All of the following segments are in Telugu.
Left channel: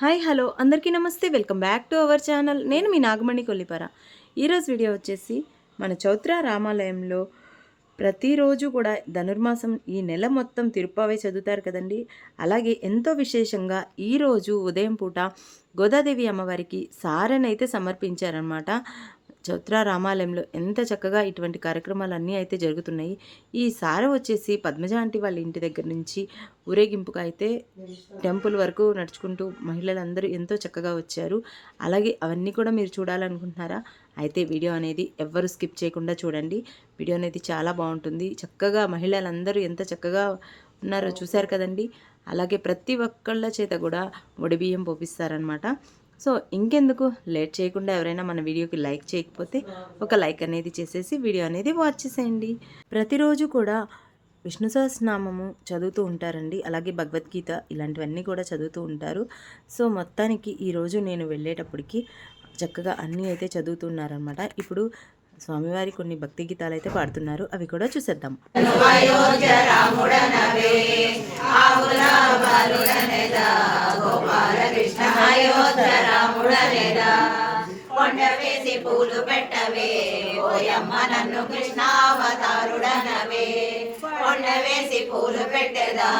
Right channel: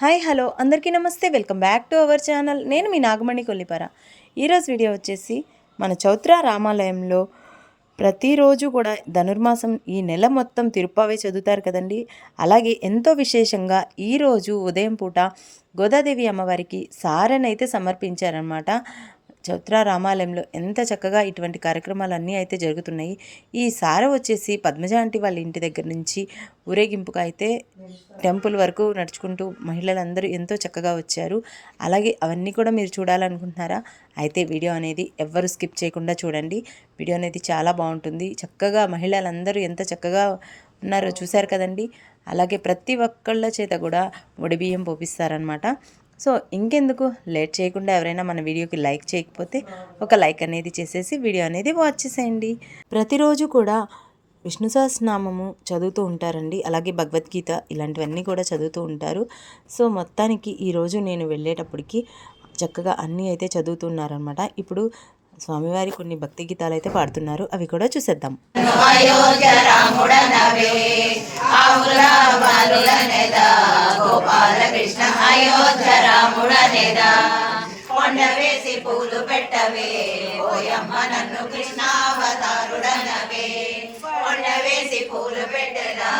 Hi hello. అందరికీ నమస్తే. Welcome back to our channel. నేను మీ నాగమణి కొల్లిపర. ఈరోజు వీడియో వచ్చేసి మన చౌత్ర రామాలయంలో ప్రతిరోజు కూడా ధనుర్మాసం ఈ నెల మొత్తం తిరుప్పావే చదువుతారు కదండి. అలాగే ఎంతో విశేషంగా ఈరోజు ఉదయం పూట గోదాదేవి అమ్మవారికి సారనైతే సమర్పించారనమాట చౌత్రా రామాలయంలో ఎంత చక్కగా ఇటువంటి కార్యక్రమాలన్నీ అయితే జరుగుతున్నాయి. ఈ సార వచ్చేసి పద్మజ ఆంటీ వాళ్ళ ఇంటి దగ్గర నుంచి ఊరేగింపుగా అయితే టెంపుల్ వరకు నడుచుకుంటూ మహిళలందరూ ఎంతో చక్కగా వచ్చారు. అలాగే అవన్నీ కూడా మీరు చూడాలనుకుంటున్నారా? అయితే వీడియో అనేది ఎవ్వరు స్కిప్ చేయకుండా చూడండి. వీడియో అనేది చాలా బాగుంటుంది. చక్కగా మహిళలందరూ ఎంత చక్కగా ఉన్నారో చూశారు కదండి. అలాగే ప్రతి ఒక్కళ్ళ చేత కూడా బియ్యం పోపిస్తారనమాట సో ఇంకెందుకు? లేట్ చేయకుండా ఎవరైనా మన వీడియోకి లైక్ చేయకపోతే ఒక లైక్ అనేది చేసేసి వీడియో అనేది వాచ్ చేసేయండి. ప్రతిరోజు కూడా విష్ణు సహస్రనామము చదువుతూ ఉంటారండి. అలాగే భగవద్గీత ఇలాంటివన్నీ కూడా చదువుతూ ఉంటారు. సో మొత్తానికి ఈరోజు నేను వెళ్ళేటప్పటికి చక్కగా అన్నీ అయితే చదువుతున్నారనమాట ఇప్పుడు స్వామివారి కొన్ని భక్తి గీతాలు అయితే పాడుతున్నారు. అవి కూడా చూసేద్దాం. కృష్ణ ఓయమ్మ నన్ను కృష్ణావతారుడనవే కొండ వేసి పూలు పెట్టదా?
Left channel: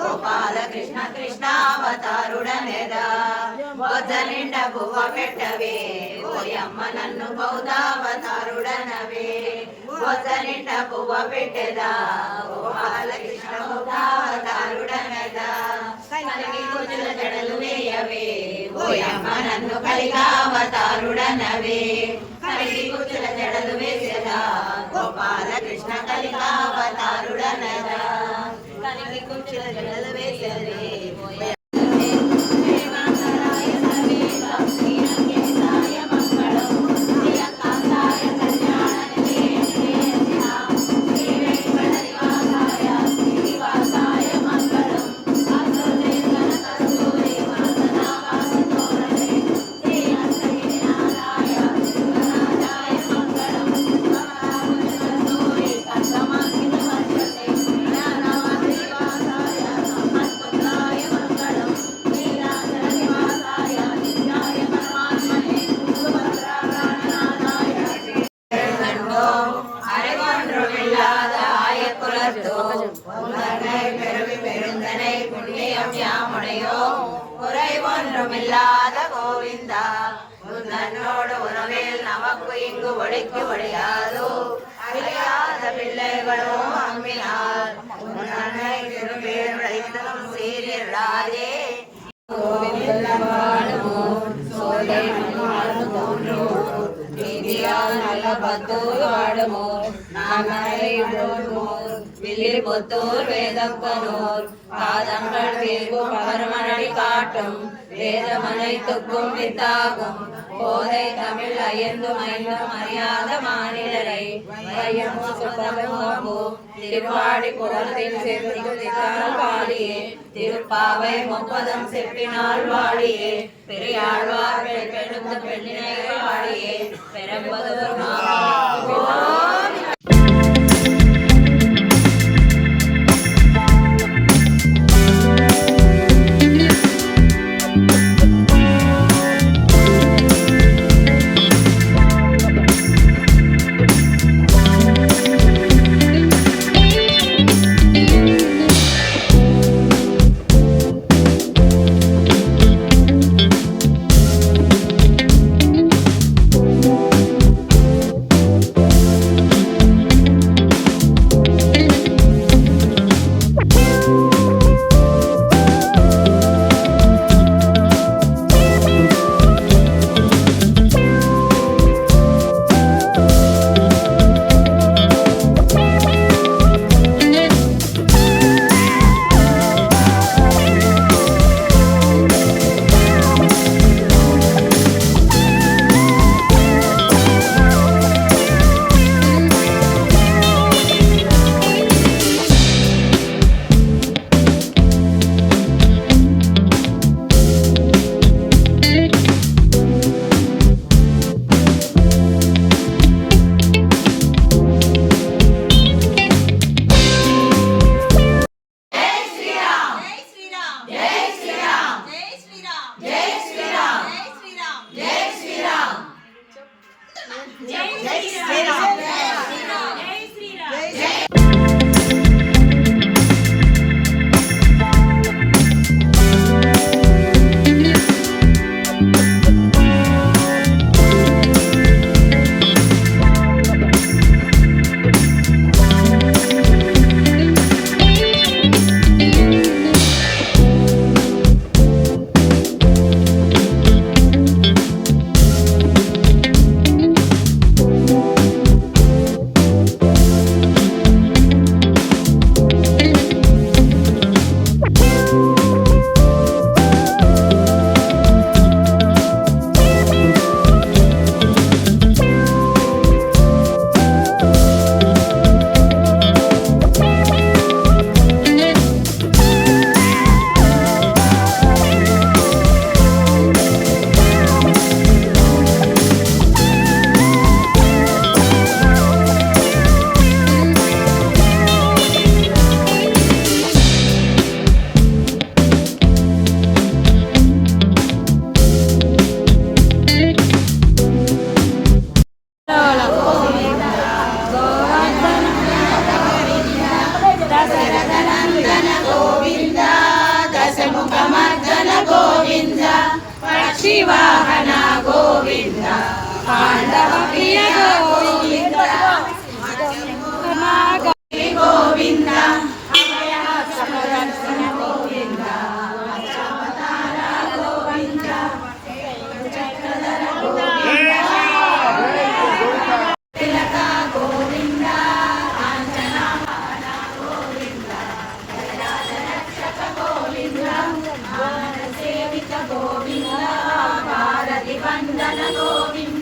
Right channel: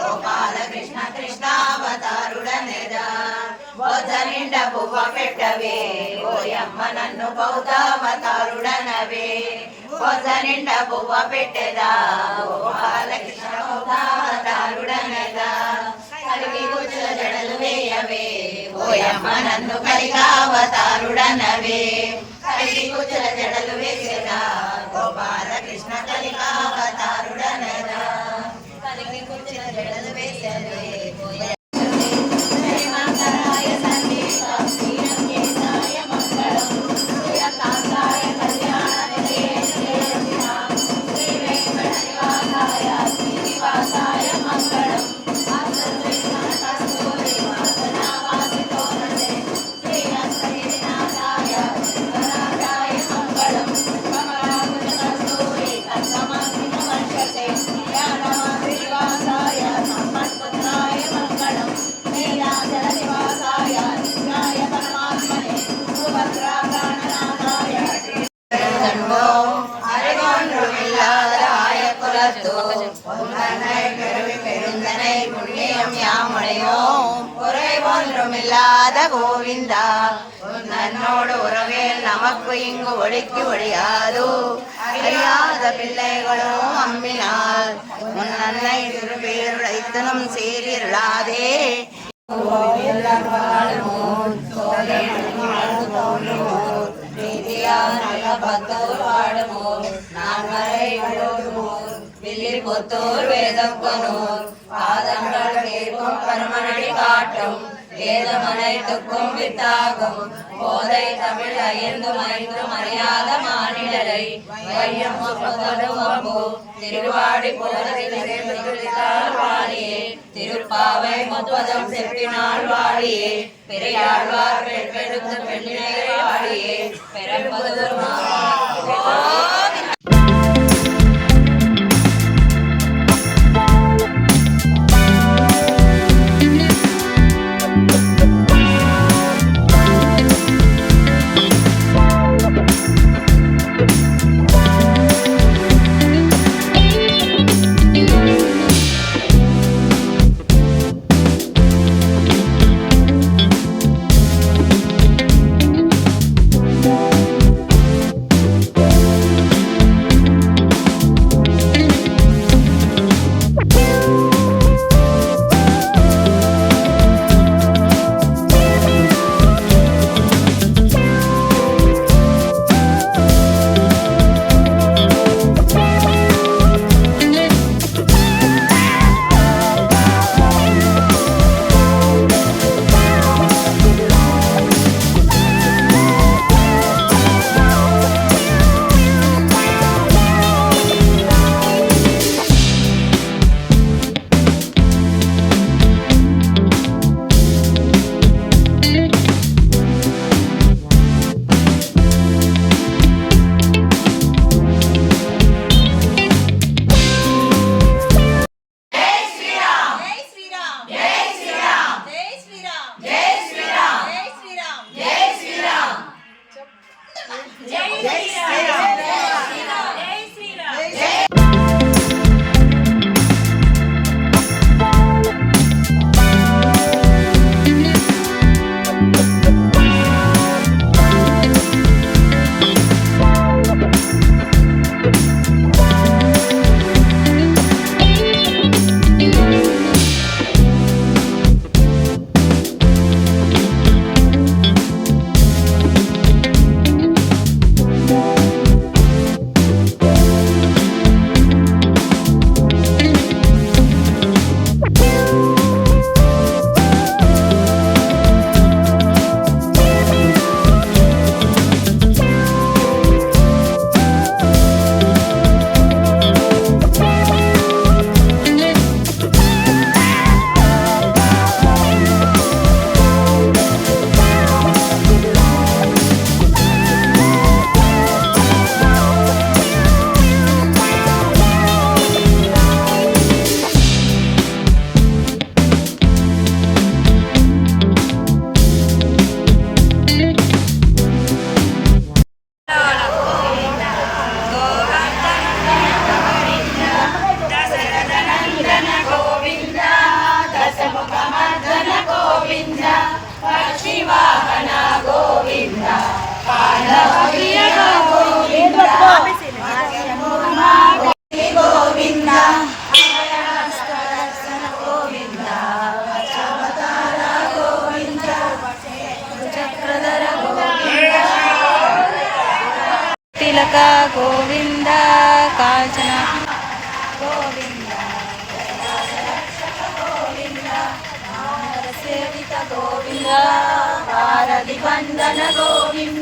గోపాల కృష్ణ కృష్ణావతారుడనేదా బొజ్జ నిండా పువ్వ పెట్టవే. ఓయమ్మ నన్ను బౌద్ధావతారుడనవే బొజ్జ నిండా పువ్వ పెట్టదా? గోపాల కృష్ణ బౌద్ధావతారుడనదా కలిగి కూర్చున్న జడలు వేయవే ఓయమ్మ నన్ను కలికావతారుడనవే కలిగి కూర్చున్న జడలు వేసేదా గోపాల కృష్ణ కలికావతారుడనగా కలిగి కూర్చున్న జడలు వేసేదే திருப்பேருடைத்தனும் சீரிருளாதே புத்தூர் வேதக்கனூர் பாதங்கள் பேர்க்கும் பரமனடி காட்டும் வேதமனைத்துக்கும் வித்தாகும் போதை தமிழ் ஐந்தும் ஐந்தும் அறியாத மாநிலரை வையம் திருவாடி போனதில் வாழியே திருப்பாவை முப்பதம் செப்பினால் வாழியே பெரியாழ்வார் பெழுத்து பெண்ணினை வாழியே பெரம்பதூர் மாவட்டம் ವಾಹನ ಗೋವಿಂದ ಪಾಂಡವ ಗೋವಿಂದ ಗೋವಿಂದ ಗೋವಿಂದ ವಚವತಾರ ಗೋವಿಂದ ಚಕ್ರಧರ ಗೋವಿಂದ ತಿಲಕ ಗೋವಿಂದ వందన గోవింద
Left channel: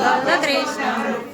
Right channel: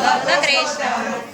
На Добре.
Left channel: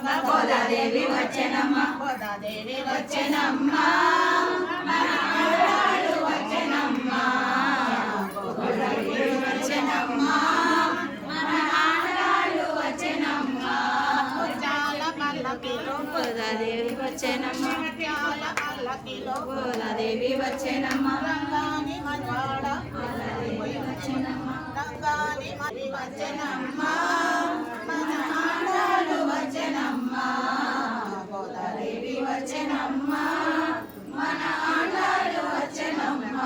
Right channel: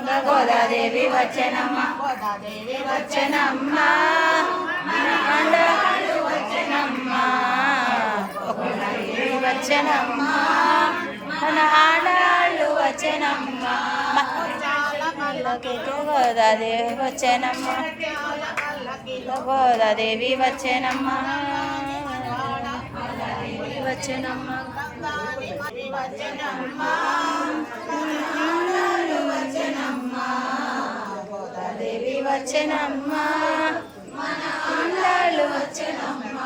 గోదాదేవి వచ్చనమ్మ గోదాదేవి వచ్చనమ్మ మన ఆంధ్రాడు వచ్చనమ్మ ఒక్కసారి వచ్చనమ్మ మన ఆంధ్రాడు వచ్చనమ్మ గోదాదేవి వచ్చనమ్మ గోదాదేవి వచ్చనమ్మ వచ్చనమ్మ వచ్చనమ్మ మన ఆండాళ్ళు వచ్చేనమ్మ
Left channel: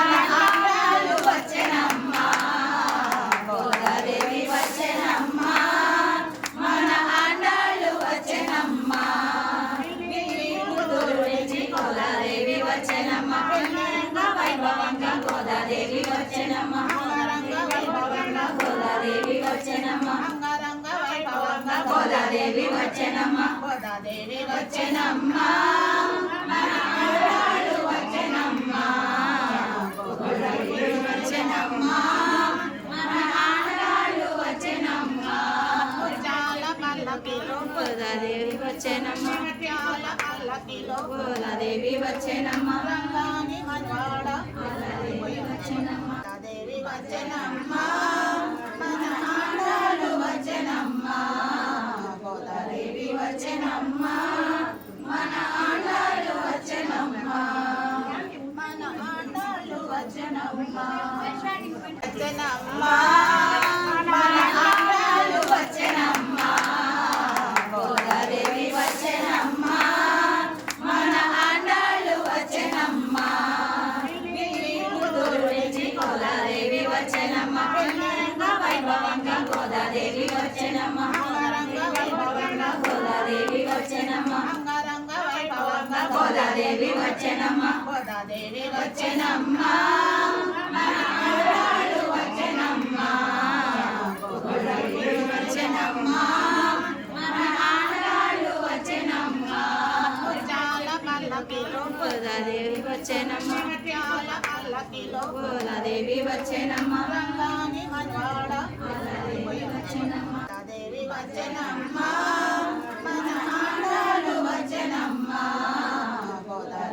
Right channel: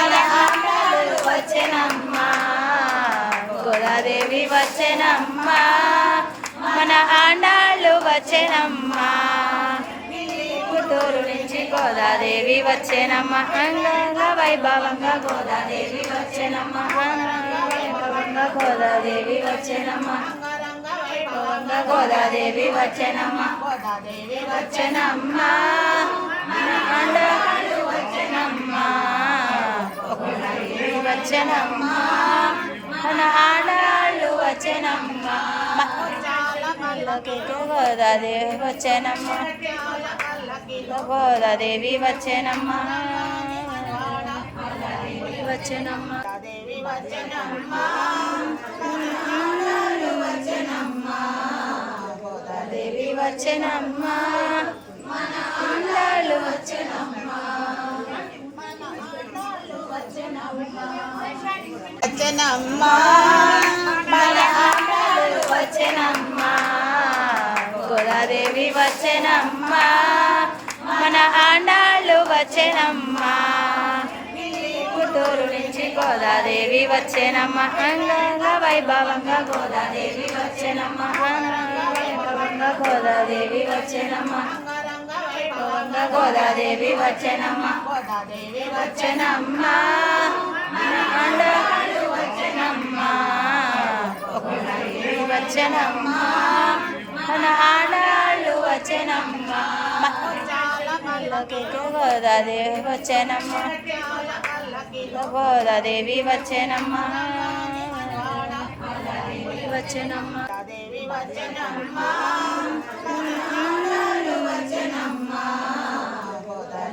మన ఆండాళ్ళు వచ్చేనమ్మ గోదాదేవి వచ్చేనమ్మ మన ఆండాళ్ళు వచ్చేనమ్మ పుట్టూరు నుంచి గోదాదేవి వచ్చేనమ్మ అంగంగ వైభవంగా గోదాదేవి వచ్చేనమ్మ గోదాదేవి వచ్చేనమ్మ గోదాదేవి వచ్చేనమ్మ గోదాదేవి వచ్చనమ్మా మన ఆండాళ్ళు వచ్చనమ్మా వచ్చనమ్మా మన ఆడాళ్ళు వచ్చనమ్మా గోదాదేవి వచ్చనమ్మా గోదాదేవి వచ్చనమ్మా వచ్చనమ్మా దేవి వచ్చనమ్మా వచ్చేనమ్మ మన ఆండాళ్ళు వచ్చేనమ్మ వచ్చనమ్మ మన ఆండాళ్ళు వచ్చేనమ్మ గోదాదేవి వచ్చేనమ్మ మన ఆండాళ్ళు వచ్చేనమ్మ పుట్టూరు నుంచి గోదాదేవి వచ్చేనమ్మ అంగంగ వైభవంగా గోదాదేవి వచ్చేనమ్మ అంగంగ వైభవంగా గోదాదేవి వచ్చేనమ్మ అంగరంగ వైభవంగా గోదాదేవి వచ్చేనమ్మ గోదాదేవి వచ్చేనమ్మ మన ఆండాళ్ళు వచ్చేనమ్మ వచ్చేనమ్మ మన ఆండాళ్ళు వచ్చేనమ్మ గోదాదేవి వచ్చేనమ్మ గోదాదేవి వచ్చేనమ్మ వచ్చేనమ్మ దేవి వచ్చనమ్మ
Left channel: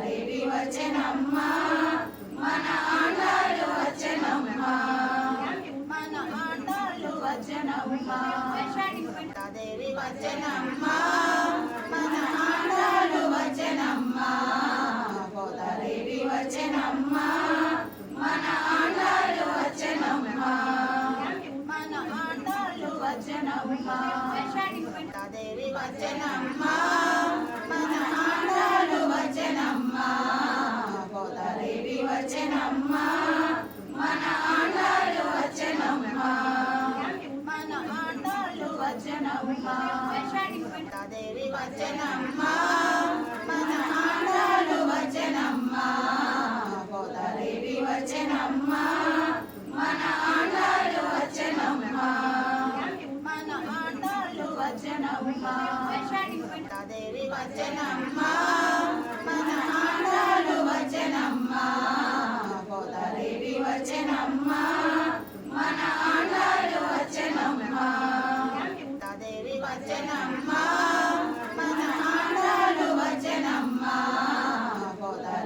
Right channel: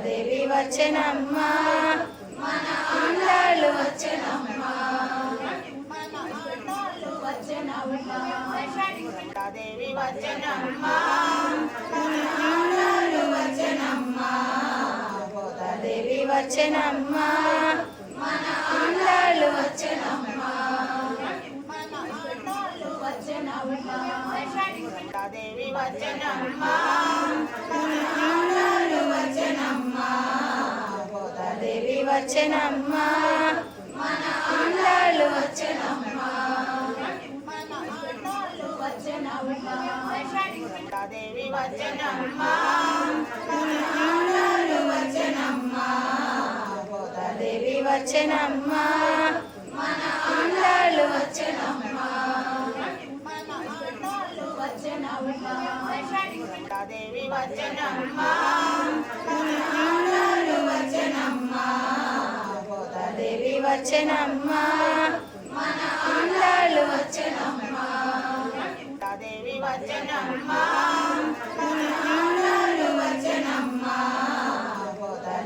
దేవి వచ్చేనమ్మ మన ఆండాళ్ళు వచ్చేనమ్మ దేవి వచ్చనమ్మ దేవి వచ్చేనమ్మ మన ఆండాళ్ళు వచ్చేనమ్మ దేవి వచ్చనమ్మ దేవి వచ్చేనమ్మ మన ఆండాళ్ళు వచ్చేనమ్మ దేవి వచ్చనమ్మ దేవి మన దేవి వచ్చనమ్మా దేవి వచ్చేనమ్మ మన ఆండాళ్ళు వచ్చేనమ్మ దేవి వచ్చనమ్మ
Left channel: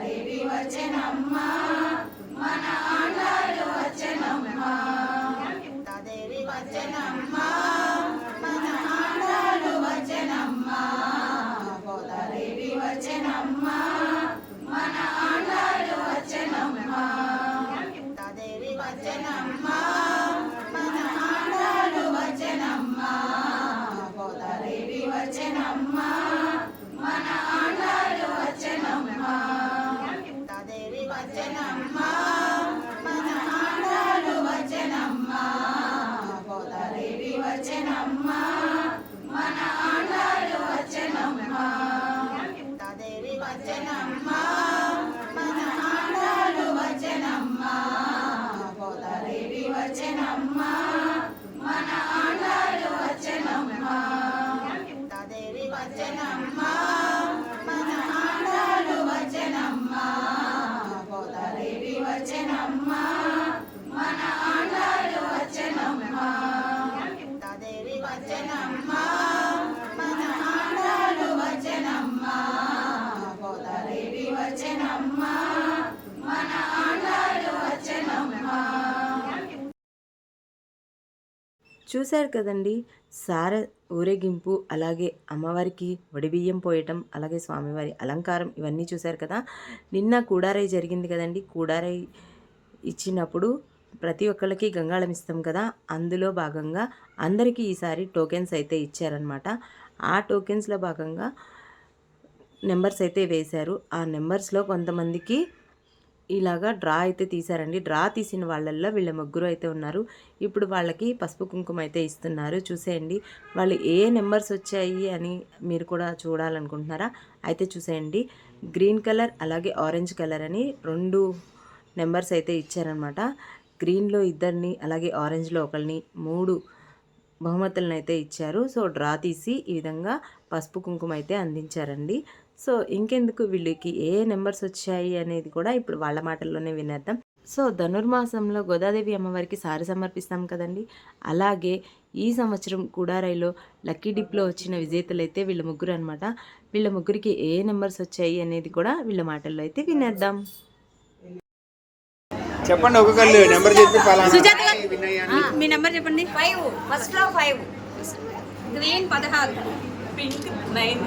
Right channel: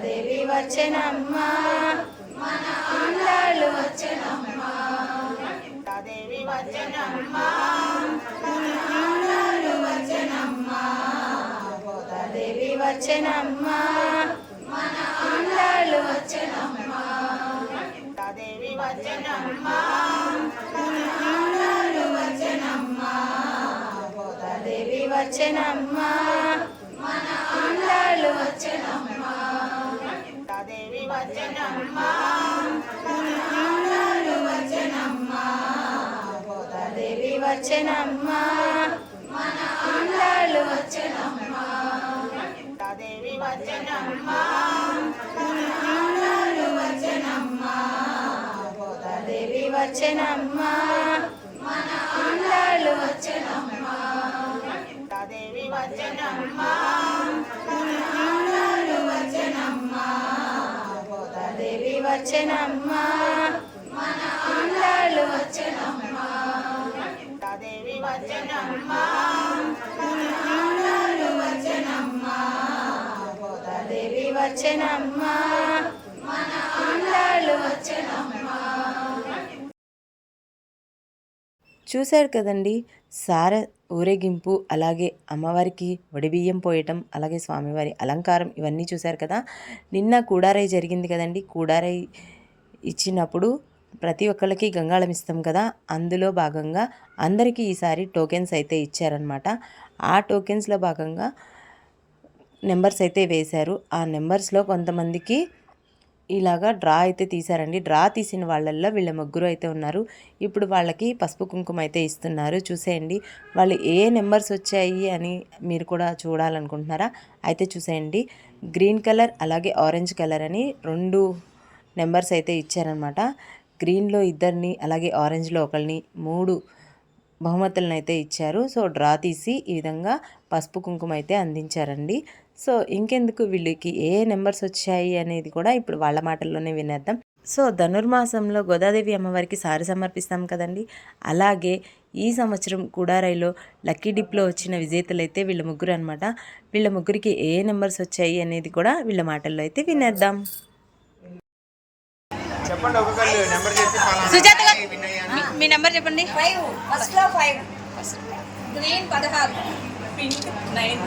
దేవి వచ్చనమ్మా మన ఆండాళ్ళు వచ్చనమ్మా దేవి వచ్చనమ్మా వచ్చేనమ్మ మన ఆండాళ్ళు వచ్చేనమ్మ దేవి వచ్చనమ్మ దేవి వచ్చేనమ్మ మన ఆండాళ్ళు వచ్చేనమ్మ దేవి వచ్చనమ్మ దేవి వచ్చేనమ్మ మన దేవి వచ్చనమ్మ దేవి వచ్చేనమ్మ మన ఆండాళ్ళు వచ్చేనమ్మ దేవి వచ్చనమ్మ దేవి వచ్చేనమ్మ మన ఆండాళ్ళు వచ్చేనమ్మ దేవి వచ్చనమ్మ మన ఆండాళ్ళు చూశారు కదండి సార ఊరేగింపు అలాగే అమ్మవారికి వడిబియ్యం పోయటం అలాగే స్వామివారి అలంకారం ఇవన్నీ చూశారు కదా. నిన్న కూడారై జరిగింది కదండి. కూడారై ఇచ్చినప్పుడు ప్రతి ఒక్కరికి గంగాళం ఇస్తాం కదా. అందులో భాగంగా అందరికీ ఈసారి టోకెన్స్ అయితే ఇచ్చారనమాట ఆ టోకెన్స్లో భాగంగా నెంబర్స్ అయితే వేశారు. ఆ నెంబర్స్లో కొంతమందికి ఇలాగా డ్రా అయితే తీశారండి. డ్రా తీసిన వాళ్ళల్లో వీళ్ళ ముగ్గురు అయితే ఉన్నారు. ఇప్పుడు వాళ్ళకి పసుపు కుంకుమ అయితే ఇస్తున్నారు. చూసేయండి. వాళ్ళు ఏ నెంబర్స్ వచ్చాయి అని మీరు కూడా చూడాలనుకుంటున్నారా? అయితే చూసేయండి. గ్రీన్ కలర్ అలాగే ఆరెంజ్ కలర్ అని రెండు నెంబర్స్ అయితే ఇచ్చారనమాట గ్రీన్లో ఇద్దరిని అలాగే ఆరెంజ్లో ఒకరిని మూడు బహుమతులను అయితే ఇచ్చారు. సో డ్రా తీసి ఈ విధంగా పసుపు కుంకుమ అయితే అందించారండి. సో ఇంకెందుకు వీళ్ళకి ఏ నెంబర్స్ వచ్చాయి అనేది కూడా ఇప్పుడు వాళ్ళ మాటల్లోనే వినేద్దాం. సో ధనుర్మాసంలో గోదాదేవి అమ్మవారికి సారి సమర్పిస్తాం కదండి. అలాగే ఈ సంవత్సరం కుడారైలో లక్కీ డిప్లో వచ్చిన విజేతలు అయితే వీళ్ళ ముగ్గురు అనమాట వీళ్ళ ముగ్గురికి ఏ నెంబర్స్ వచ్చాయి అనేది కూడా వీళ్ళ మాటల్లో అయితే వినేద్దాం. చెప్పండి ఒక్కొక్కరు నెంబర్ చెప్పి మీ నెంబర్ చెప్పండి. ఫైవ్ ఫస్ట్లో ఫైవ్ గ్రీన్ పదహారు. Pink nine.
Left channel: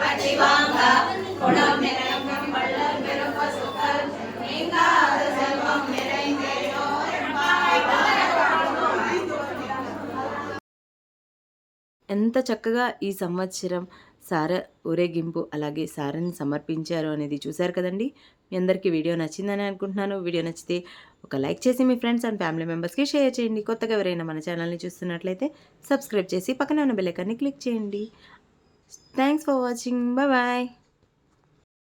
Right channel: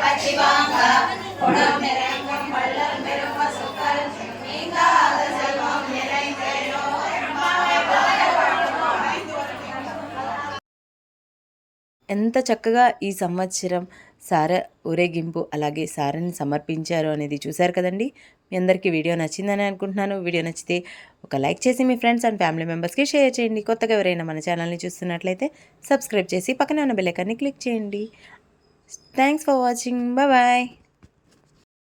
பற்றி வாங்க உணவு நிறைய ఎంత చక్కగా ఈ సంవత్సరం సార ఊరేగింపు అలాగే సారని సమర్పించారు అనేది చూశారు కదండి. మీ అందరికీ వీడియో నచ్చిందని అనుకుంటున్నాను. వీడియో నచ్చితే ఒక లైక్ చేసి మీ ఫ్రెండ్స్ అండ్ ఫ్యామిలీ మెంబర్స్కి షేర్ చేయండి. కొత్తగా ఎవరైనా మన ఛానల్ని చూస్తున్నట్లయితే సబ్స్క్రైబ్ చేసి పక్కనే ఉన్న బెల్ ఐకాన్ని క్లిక్ చేయండి. Thanks for watching. బాయ్.